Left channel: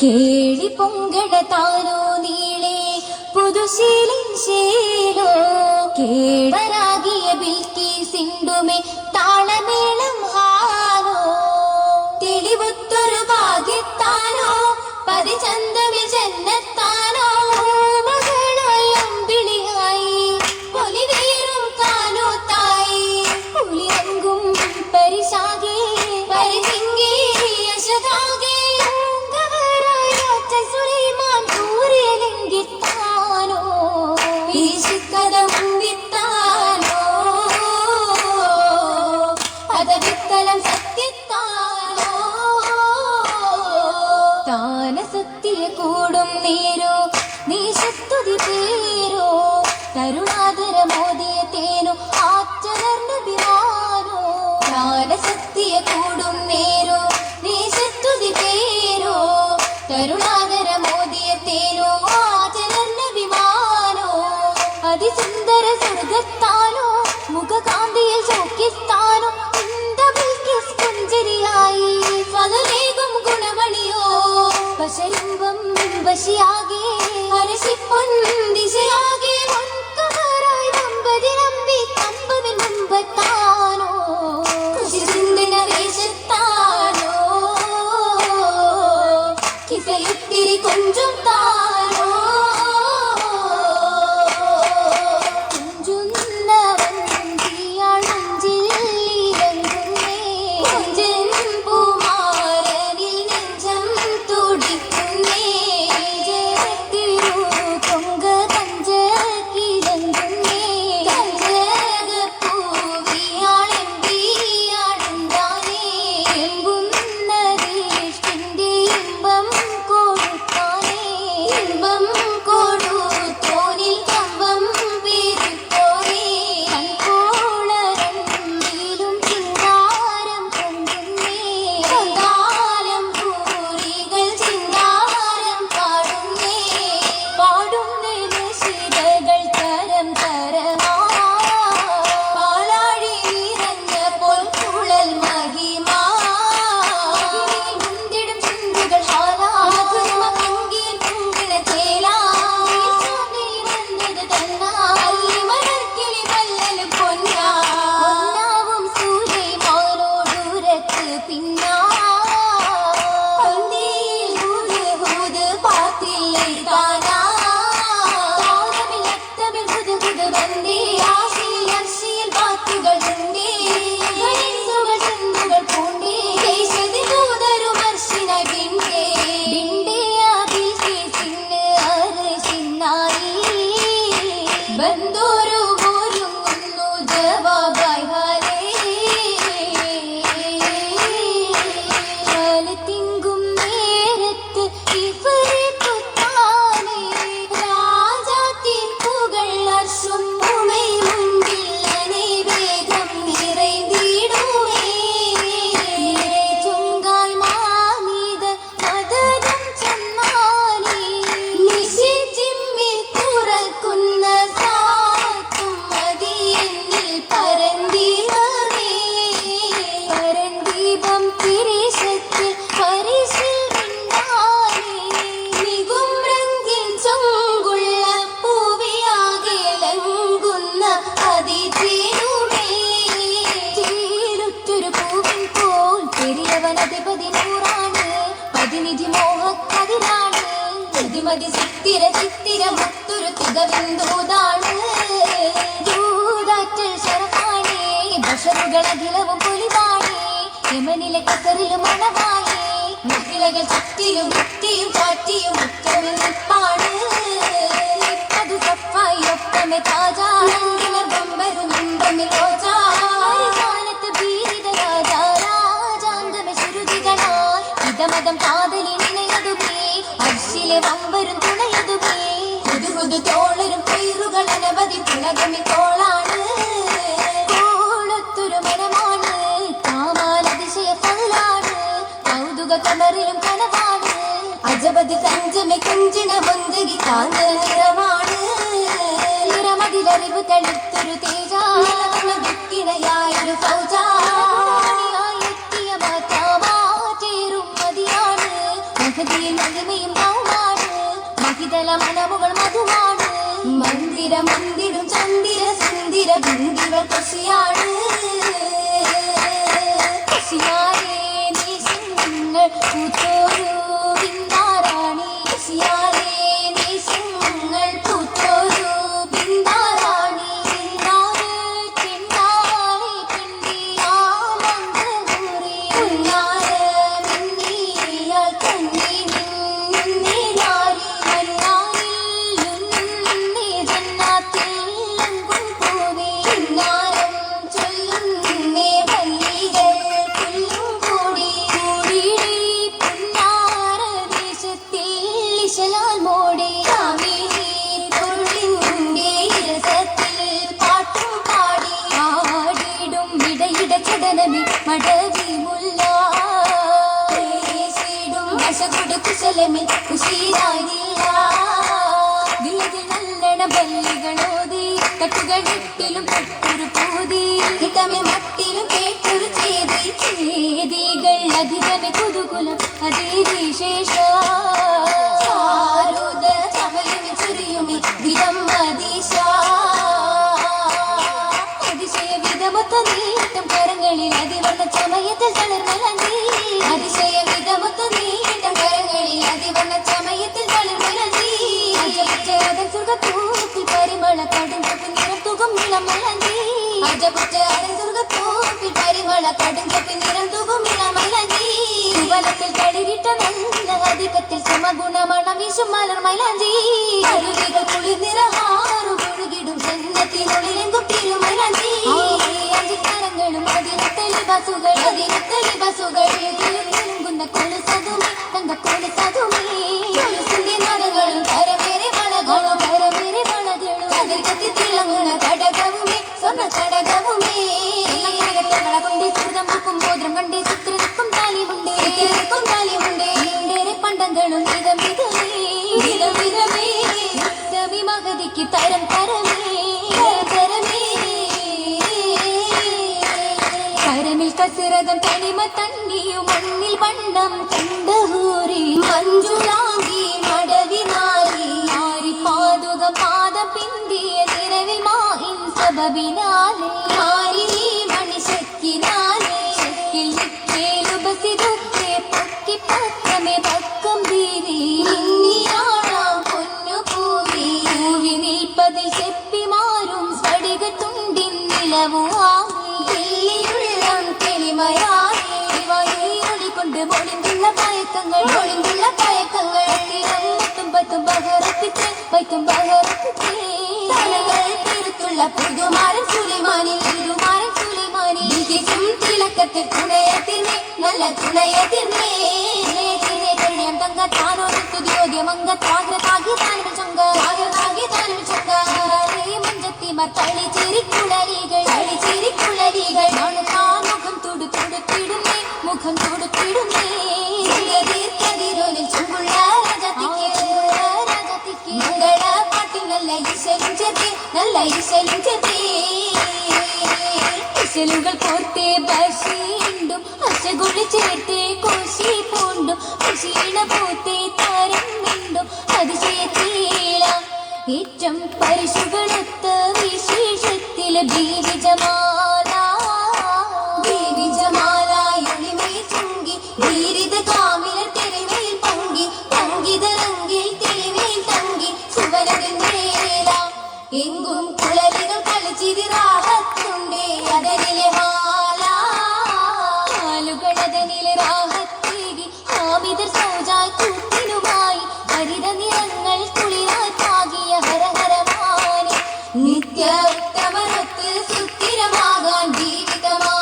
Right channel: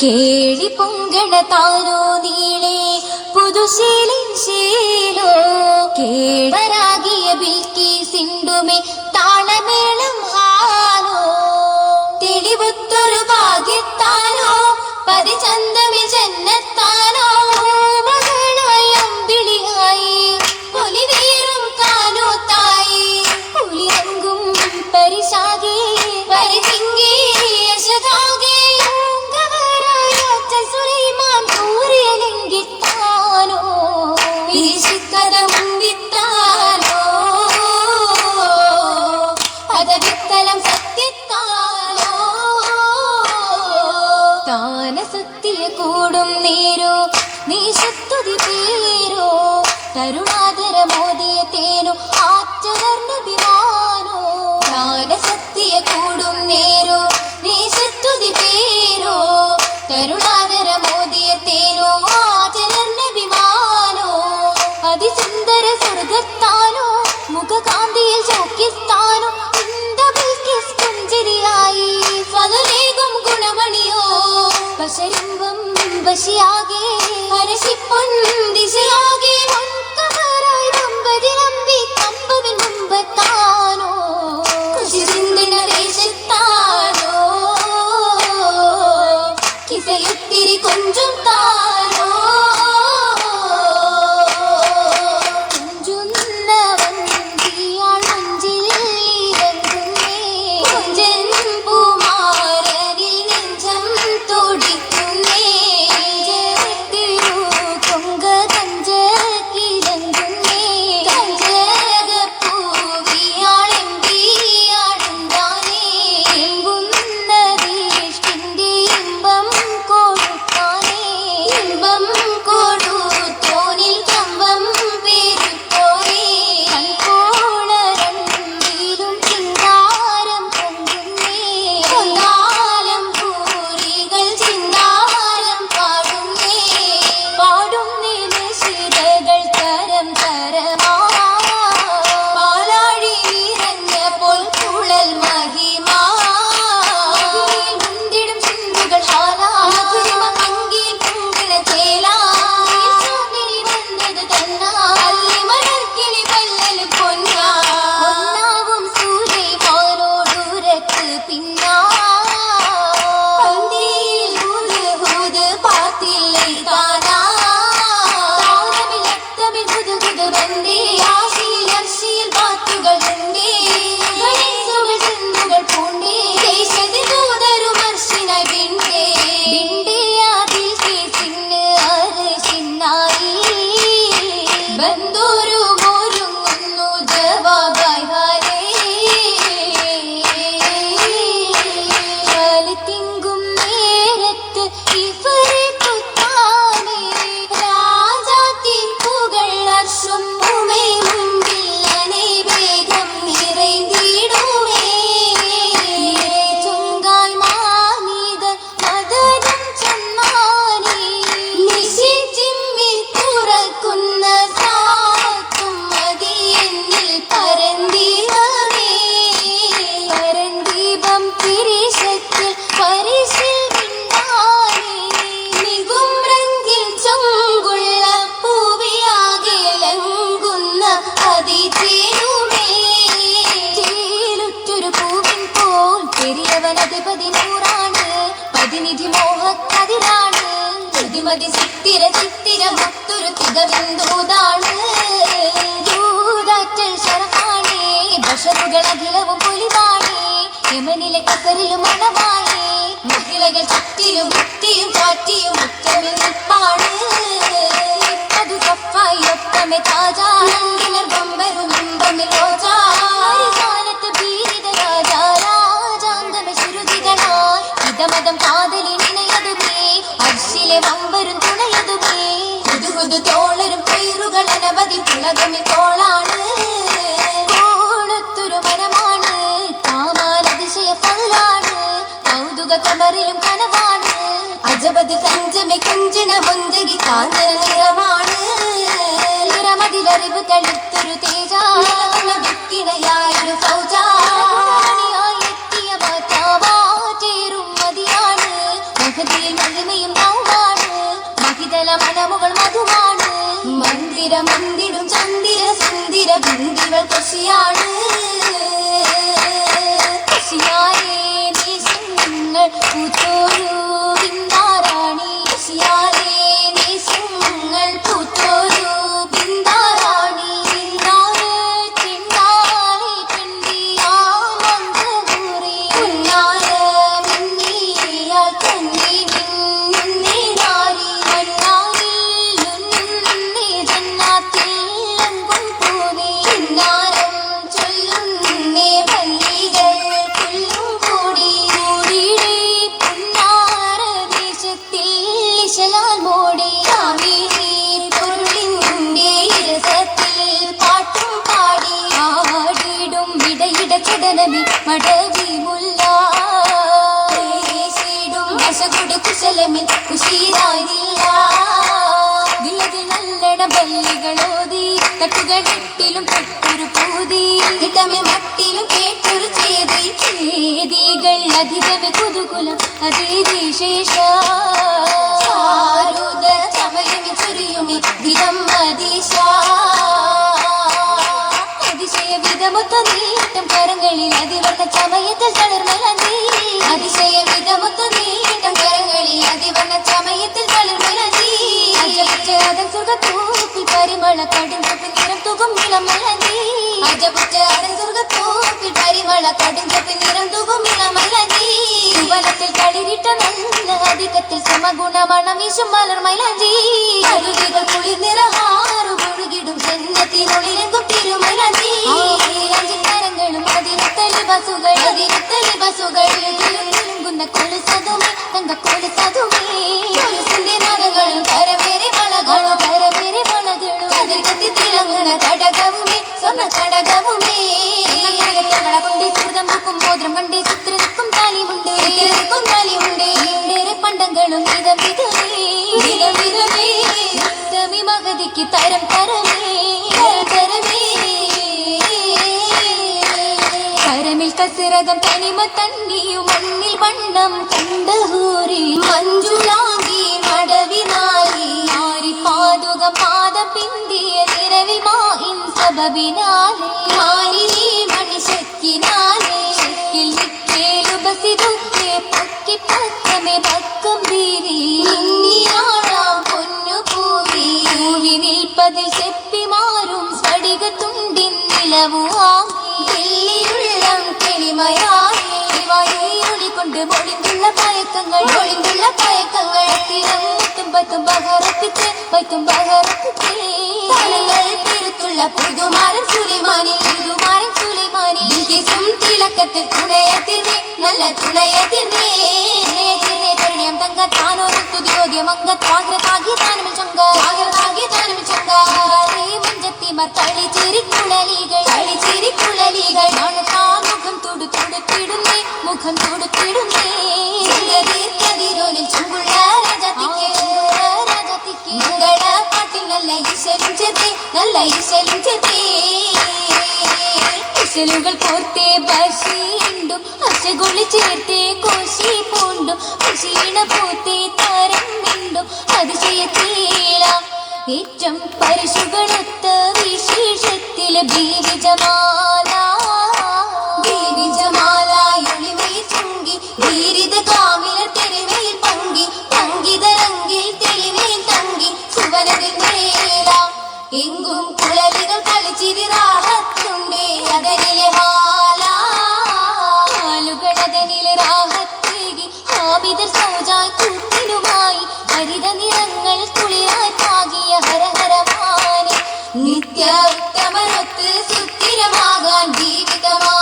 കേളി പൊങ്കണ താനോ നീളെ പുതുശീലിൻ ശീലോ കേളരാകിയ ബിൽക്കി സിണ്ടുമേ താളമേളം ഹാലോ തെളിവുത്തൊരു ഭാഗ്യത്താനോ പതിചന്തമി ജന്നത്താനോ മകളായി അമ്പിളിയായി പൊലിവേറും കാലോത്തായി പുലിരങ്കും പരിശാകെ പരിചിങ്ങി യശകാകെ സുലൈമാൻ കൂറിയലെങ്കിത്താനോ ഈശിക്കഥ മുന്തിത്താനോ അതവിത്തലം സത്യത്താനോ താന സത്യ കൂടും നേരോ നീ ശക്തുതി പേരോ കരുണാതര മോദിയ തേനോ ആറ്റലർന്നു ബിരാനോ താന സത്യ കൂടും നേരോ നീ ശക്തുതി പേരോ കരുണാകര മോദിയ തേനോ ആചരണ വിമാനോ അതിസുന്ദര സ്വർഗത്താനോ മുഖകാന്തിയ ശോക്കിസ്ഥാനോ പുഞ്ചിരിയായി സ്വതലേകും ഗുണമണിയോ വശരിമ്പം വശിയാകെ ഹരശിപ്പൊന്തിശയാകെ വൻകമറായി ദമ്പതി നമ്പി കമ്പവിൽ മുമ്പത്താനോ കൃഷി ചിന്തന ദേശത്താനോ കിസയുത്തിരി കൊഞ്ചും താനോ കൊഞ്ചുന്നവൻ തീയാളഞ്ചിൽ ഇറങ്ങുന്നേ കൊഞ്ചൻ പൂമാരനിൽ നെഞ്ചം തുടിക്കുന്നേ തിരു കൊങ്ക തഞ്ച കിഴങ്ങുന്നേ കഞ്ചകപ്പൂവിയാളെമ്പിയാടുണ്ടാനേ എമ്പുന്നതീഷ്ടിന്റെ ഇമ്പം കൊടുത്താനേ ഇമ്പം കൊടുത്തോനിൽ കമ്പം പെരുത്തോനേ കൺകോളരണ്ടിലും ചിന്താരം പൊങ്ങുന്നേ കൊണ്ടാലം പൂരികൾ ചിന്താരം പാടുന്നേ പാടുന്നേ നിശിതകൾ തരം തരമാ പാലാഴി നിറഞ്ഞപ്പോൾ കുഴൽ മഹിമാ മുന്തിടും ചിന്തുകൾ ഹാലാ മധുരമ പങ്കിൽ പൊങ്കിണ ചേലാ വന്നത് തന്നാ അല്ലിമണർക്കിളി വെള്ളൽ പൊന്നാ ഒന്നാവും സൂര്യമാനോടുരത്ത് പിന്നാ പന്തിയിൽ ഹൂത് പാത്തില്ലേ താനാ താളമിൽ ഹുദ് ബന്ദി ആശിയിൽ അർശിയിൽ പാത്തുകൾ ഉണ്ടേ ഗണേശുകൾ ചെന്നുകൾ പൂണ്ടേ ദേശതി ദൂതരു മർശിനായി ബിണ്ടേ ബിണ്ടേ ആദിൽ കേസിന് അർശിനായി ബന്ധുരു മോരുങ്ങുന്നു ജവാബായി ഹാരേ തിങ്കും നേരത്ത് ഇവരെത്തുത്താനേ രാജാത്തിൻ പുകൾ അർശും ഉമേ മുൻപില്ലനെ വേഗം നിറൈന്തിടുമേ ചുങ്കാൽ മാനിത മദനം ചമ്മാനേ നിശിച്ചിമ്മിൽ തുറക്കുന്ന സാത്തും മതിയെന്നിൽ പരന്തിവമേ പരന്ദീപം തിരിശത്തിൽ പരിശിൽ വിണ്ണാനേ നികുംരങ്കിൽ ചൊങ്കുള്ള പൂവിയാകെ ലങ്കുന്ന അതിചേരുമേ ചേലുറ്റൊരു പൂവിൻ പോൽ പെരിയവൻ അധിപതി നൂറാണ് പതിനിധി മോഹക്കതിരാണ് പ്രതിമതി ചിത്തിര ചിത്തിര മുത്തൊരു തികവിന്ദൂതാണ് യൂതാറ്റൽ ശരഫാണേ ബഷറുകൾ അഖിലവും പൊലിവാണേ യമനിലെ കസറിലും മണവാളേ മുകിലകൾ ചുറ്റിലും മുത്തിയും ചാറ്റിയും മുറ്റമിൽ നിൽപ്പാണ് അത് കപ്പായി ഒപ്പമെ താജാ നന്ദിനർ ബമ്പരും ഇമ്പമിൽ റോജാ ഹരികാലത്ത് ഭീരിത രാജാ രാജാന്തമെ ശുരുചിതനായി ഇതമതം കാതലിനിണയതുമേ അർശിലെ വമ്പരും തുണയതുമേ ഹുദു തോളരും പേരുകൾ അനവധി പുളകമി തോളാണ് കോളത്തൊരു മരമാണ് കാമാൻ അതിശയ പള്ളാണ് കൗതുക കമറിലും കനവാണ് അജബത് കഞ്ചമെ കഞ്ചണ മൊന്തകി കാന്തന നിറമാണ് നിറമതിലറിവ് കളിത്തൊരു തേജ വിക്കിണയായൊരു സൗജ മന്ദിടും ചന്ദിര സുന്ദിര ബിന്ദികൾ കൃഷിയാണ് കൃഷിയായേ ദേശങ്ങൾ പൂത്തോരു ബിന്ദാറാണി കൃഷിയായേ ദേശങ്ങൾ പൂത്തോരു ബിന്ദാറാണി ചിന്നാറ് ചിന്നാറി പിണ്ടിയാ മന്ദൂറി ഉന്നാറ് മിന്നിയാൽ കണ്ണി മിന്നി നാരി മണ്ണാറിൽ ഉന്നി ജന്നാത്തിൽ അങ്കും പൂവി ചിന്നാരം ചൊല്ലുന്നേ പല്ലികൾ പുല്ലും കൂടി കൂടിയിടേ പുന്നാര ദേശത്തിൽ ഇശലാൽ മോടി കാവേരി പൊരുളിൻ്റെ രസത്തിൽ പാട്ടും പാടി ആടിടും ഇടയിട ചടനമി മടവി മുല്ല ും കുശലമിൽ കുശീരായില്ല ദില്ലതിൽ നല്ലട ബല്ലികളോതി തട്ടുകെട്ടിലും പെട്ടൊരു പൂതി ഇടമെ മട്ടിലും കേട്ടൊരു ചേതി ചേതികൾ അധികമെ കുതുകുലം അതിവിശേഷ ചമയമി ചുരിയുമി ദിനം അതിശ അതിശയ വിധമൊത്ത നീട്ടം കരങ്ങളിൽ അതിവർണ്ണ ചമയത്തിൽ തളർന്നലന്തി അതിശയ വിധമൊത്ത നീട്ടം കരങ്ങളിൽ അതിവർണ്ണ ചമയത്തിൽ തളർന്നലന്തി അജപുറ്റ സുഖത്തൂപ്പിൽ പരിമള കടുഞ്ചപ്പിൽ നിറം തുകും ഇളമലന്തി അജപുറ്റ സുഖത്തൂപ്പിൽ പരിമള കടുഞ്ചപ്പിൽ നിറം തുകും ഇളമലന്തി വനത്തിൽ കളിരിട്ട നല്ല അധികത്തിൽ സമഗുണമണം വീശും മലർമലന്തി അരുവികൾ കുളിർ നിറഹാറു ഒഴുകിടും ജന്നത്തിനുള്ളിലെങ്കും തിരുമലന്തി അഞ്ചിത്തരങ്ങളും അതിനത്തലി ബസുകൾ തിളങ്ങുന്ന കൊലുസതുമേ തങ്കക്കൊലുസതുമേ കൊലുസിന്റെ നാദങ്ങളും കരവേറെ വളകളും അതിർക്കത്തി തിളങ്ങുന്ന കടകവുമേ സ്വർണ്ണ കടകവുമേ കൊണ്ട് സുഹൃതം വെക്കും മോദ്രം കണ്ട് ചിത്ര നിൽക്കും താലിമുണ്ട് പണ്ടങ്ങളും വിധം വിധമേ മകതിക്ക് തരം തരമേ കരമിൽ കസിരകം തനിമ തന്നിയും മണ്ണിൽ വണ്ണം കണ്ടഹൂരി മഞ്ജുളാങ്കി മടവിനായി ആരി പാതുകം പാദം പിന്തിയ നിരവിൽ മാഹിൻ സബബിനാലേ മാലിനി മണിശക്കിനാലേ ശക്കിൽ നിക്കേലു ബസിദുക്കെ പൊക്കി പക്കമേ പക്കം വീരി ഇന്നിയാളാം പൊന്നു പൂവി പൂവി നിൽപ്പതിൽ ചെപ്പി മാറും സ്ഫടികത്തുണ്ടിൻ നിലവുവാങ്ങി കൊണ്ട് ഒളിന്തുള്ള പയക്കങ്ങൾ പത്തും ബഹറപ്പിച്ച് പെരുത്തുള്ള പുതുമാരൻ സുലിമാനിൽ തിളക്കത്തിൽ തുണയത്തിനെ നല്ല തുണയത്തിനെ തങ്ക താനോരു സ്തുതിയോദ്യം അംഗത്താഗ്രതാകി താനും ചങ്ക മഞ്ചത്തിമാർ കളിച്ചിരിക്കുളലികൾ മുഖം തൊടുത്തിടുന്നേ കതിരോനിൽ ചുങ്കുള്ള രാജാത്തിക്ക് മംഗള പാട്ടിൽ നല്ല ഈശലും ചെത്തേ ഇശലുകൾ കോർത്തേ ബഷീണ്ടും അശകുളി ചേർത്തേ കോശി പൂണ്ടും ക്ഷീണ പോത്തേ താരം മിണ്ടും അതിശയത്തീല ഏറ്റം പരിശുകളൊത്ത വിശേഷത്തില് ബീവിജമാല ീരിത കാമില തെരുമയിൽ പങ്കിതരങ്കിൽ തെളിമയിൽ തങ്കി സുവനതിൽ മേല എങ്കും കുളവികൾ കളിച്ചിരി റാഹത്തുണ്ടേ അതനിലെ ഹാലുകളതനിലെ റാഹത്തേകി ഹാമിതർ സൗജായ് കൂട്ടിനുമായി ഹരിത നിറങ്ങൾ കുളിരായി പാകിയ ഹരഹരമാനെ നിത്യ ഉത്തമനൊത്ത് സുസ്ഥിരമാകാൻ ജീവിതമാ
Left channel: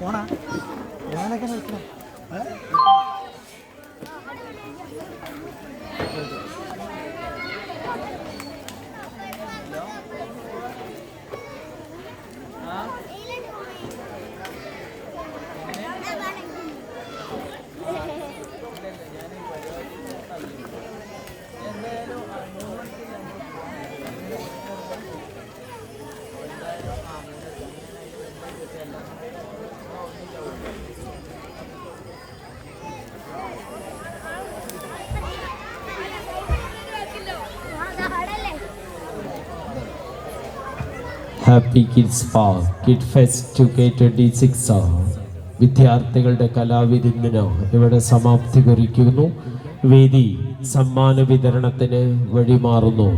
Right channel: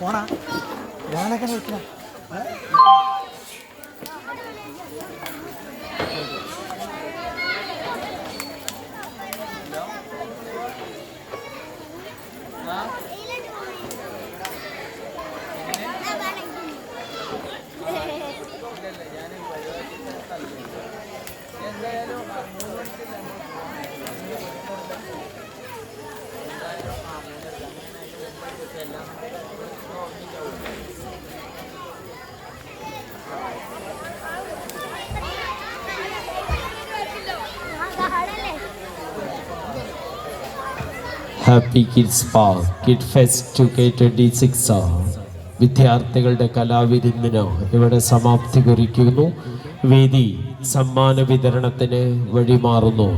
പോണാ ഞാനൊക്കെ നിൽക്കണം ഞാൻ പരിപാടി happy kids park kid fest K26 വിദ്യാർത്ഥികളുടെ കലാവിരുന്നിന് ഇവിടെ സമാപ്തി കുറിക്കുന്നു. വേദി സമ്മാന വിതരണത്തിന് വഴിമാറുന്നു.